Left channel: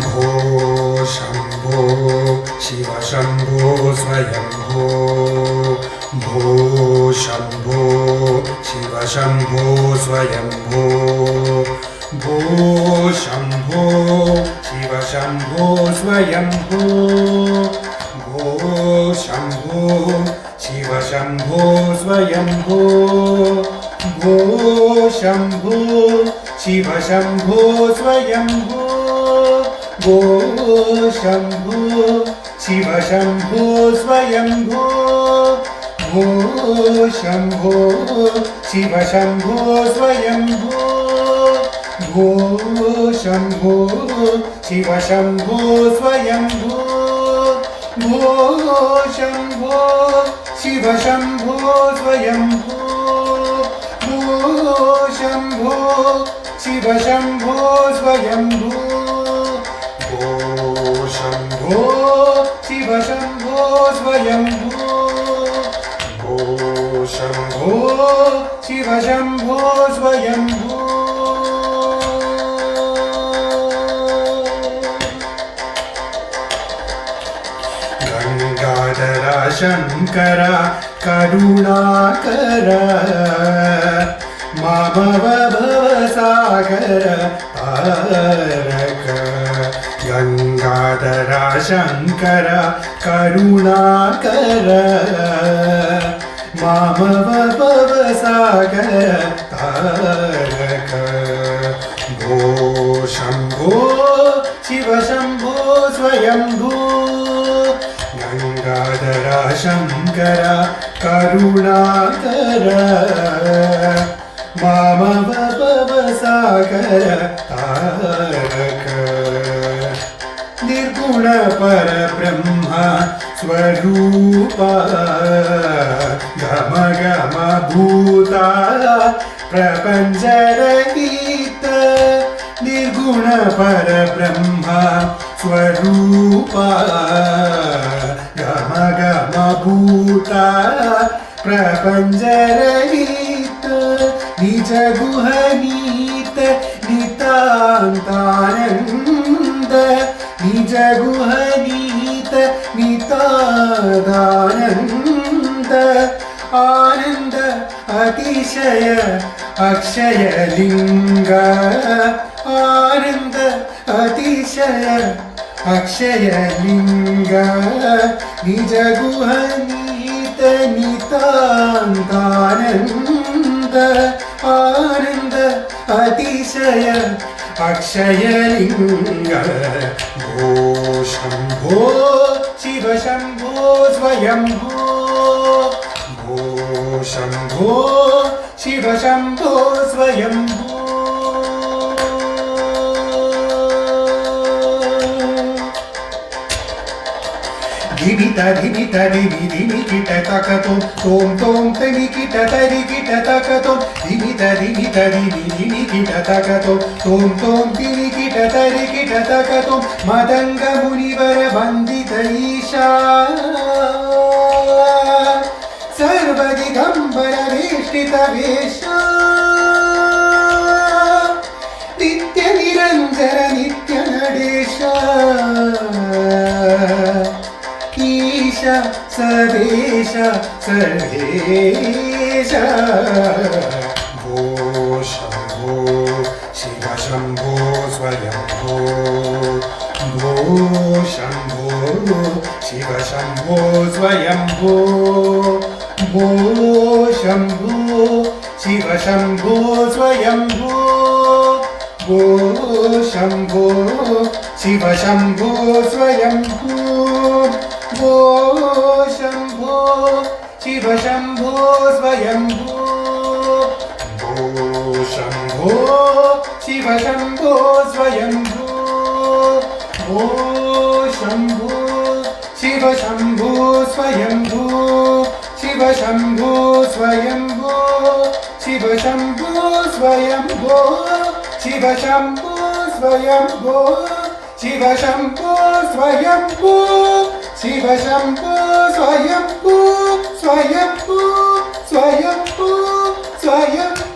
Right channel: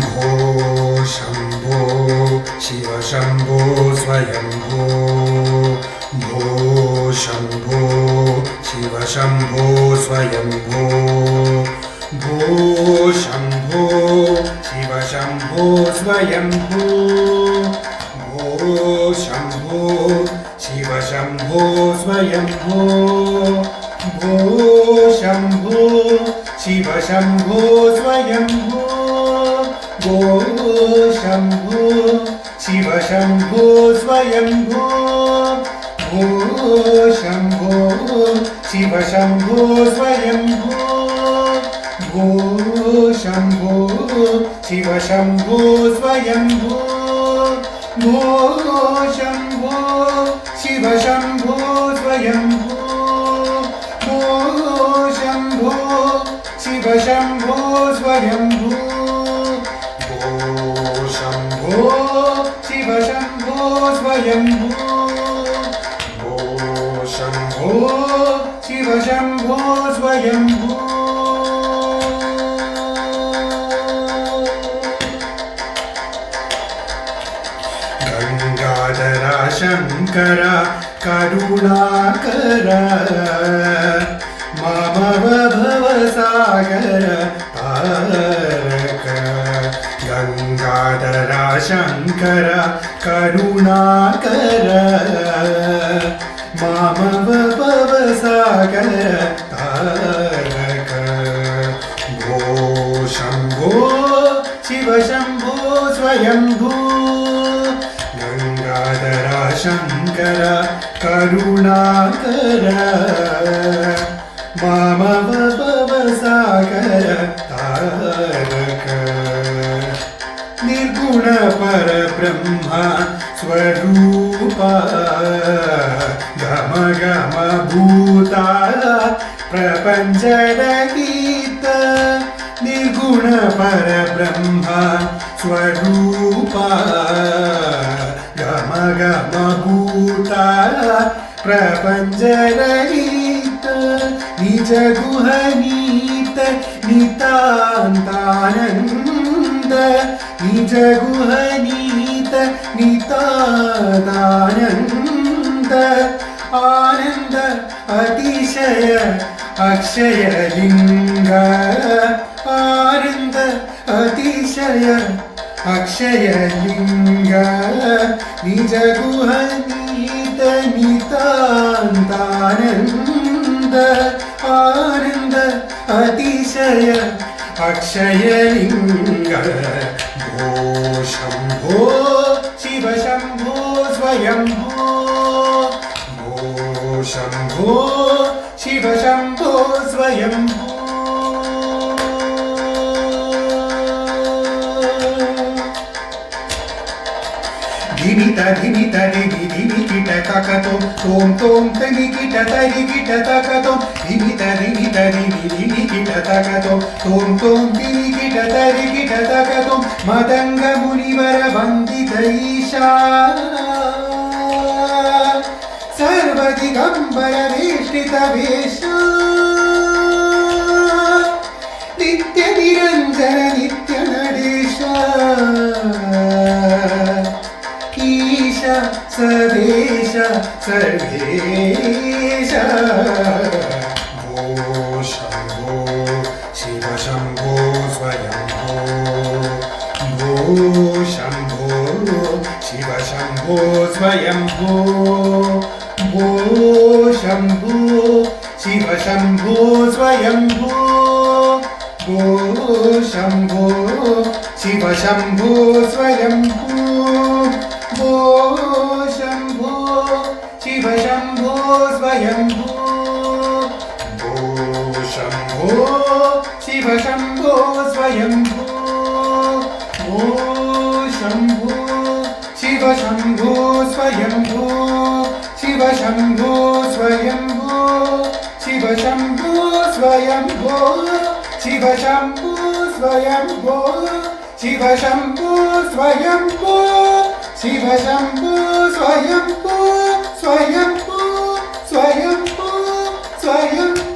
भो शम्भो शिव शम्भो स्वयम्भो भो शम्भो शिव शम्भो स्वयम्भो भो शम्भो शिव शम्भो स्वयम्भो भो शम्भो शिव शम्भो स्वयम्भो भो शम्भो शिव शम्भो स्वयम्भो भो शम्भो शिव शम्भो स्वयम्भो भो शम्भो शिव शम्भो स्वयम्भो भो शम्भो शिव शम्भो स्वयम्भो भो शम्भो शिव शम्भो स्वयम्भो भो शम्भो शिव शम्भो स्वयम्भो भो शम्भो शिव शम्भो स्वयम्भो भो शम्भो शिव शम्भो स्वयम्भो गंगाधर शंकर करुणाकर मामव भवसागर तारक गंगाधर शंकर करुणाकर मामव भवसागर तारक भो शम्भो शिव शम्भो स्वयम्भो गंगाधर शंकर करुणाकर मामव भवसागर तारक निर्गुण परब्रह्म स्वरूप गम गम भूता प्रपंचरहित निर्गुण परब्रह्म स्वरूप गम गम भूता प्रपंचरहित निज गुहनीत नितान्तानंद निज गुहनीत नितादानंद आनंद अतिशय अक्षय लिंग आनंद अतिशय अक्षय लिंग निज गुहनीत नितान्तानंद आनंद अतिशय अक्षय लिंग भो शम्भो शिव शम्भो स्वयम्भो भो शम्भो शिव शम्भो स्वयम्भो धिमित धिमित धिमि धिमि किट तकतो तोम तोम तमि किट तरि किट तकतो धिमित धिमित धिमि धिमि किट तकतो तोम तोम तिमि किट तरि किट तकतो मदंग मुनिवर वंदित ईशा सर्वदिगंबर वेष्टित वेश नित्य निरंजन नित्य नडेश ईश सर्वेश सर्वेश भो शम्भो शिव शम्भो स्वयम्भो भो शम्भो शिव शम्भो स्वयम्भो भो शम्भो शिव शम्भो स्वयम्भो भो शम्भो शिव शम्भो स्वयम्भो भो शम्भो शिव शम्भो स्वयम्भो भो शम्भो शिव शम्भो स्वयम्भो भो शम्भो शिव शम्भो स्वयम्भो शिव शम्भो स्वयम्भो शिव शम्भो स्वयम्भो शिव शम्भो स्वयम्भो शिव शम्भो स्वयम्भो शिव शम्भो स्वयम्भो स्वयम्भो स्वयम्भो स्वयम्भो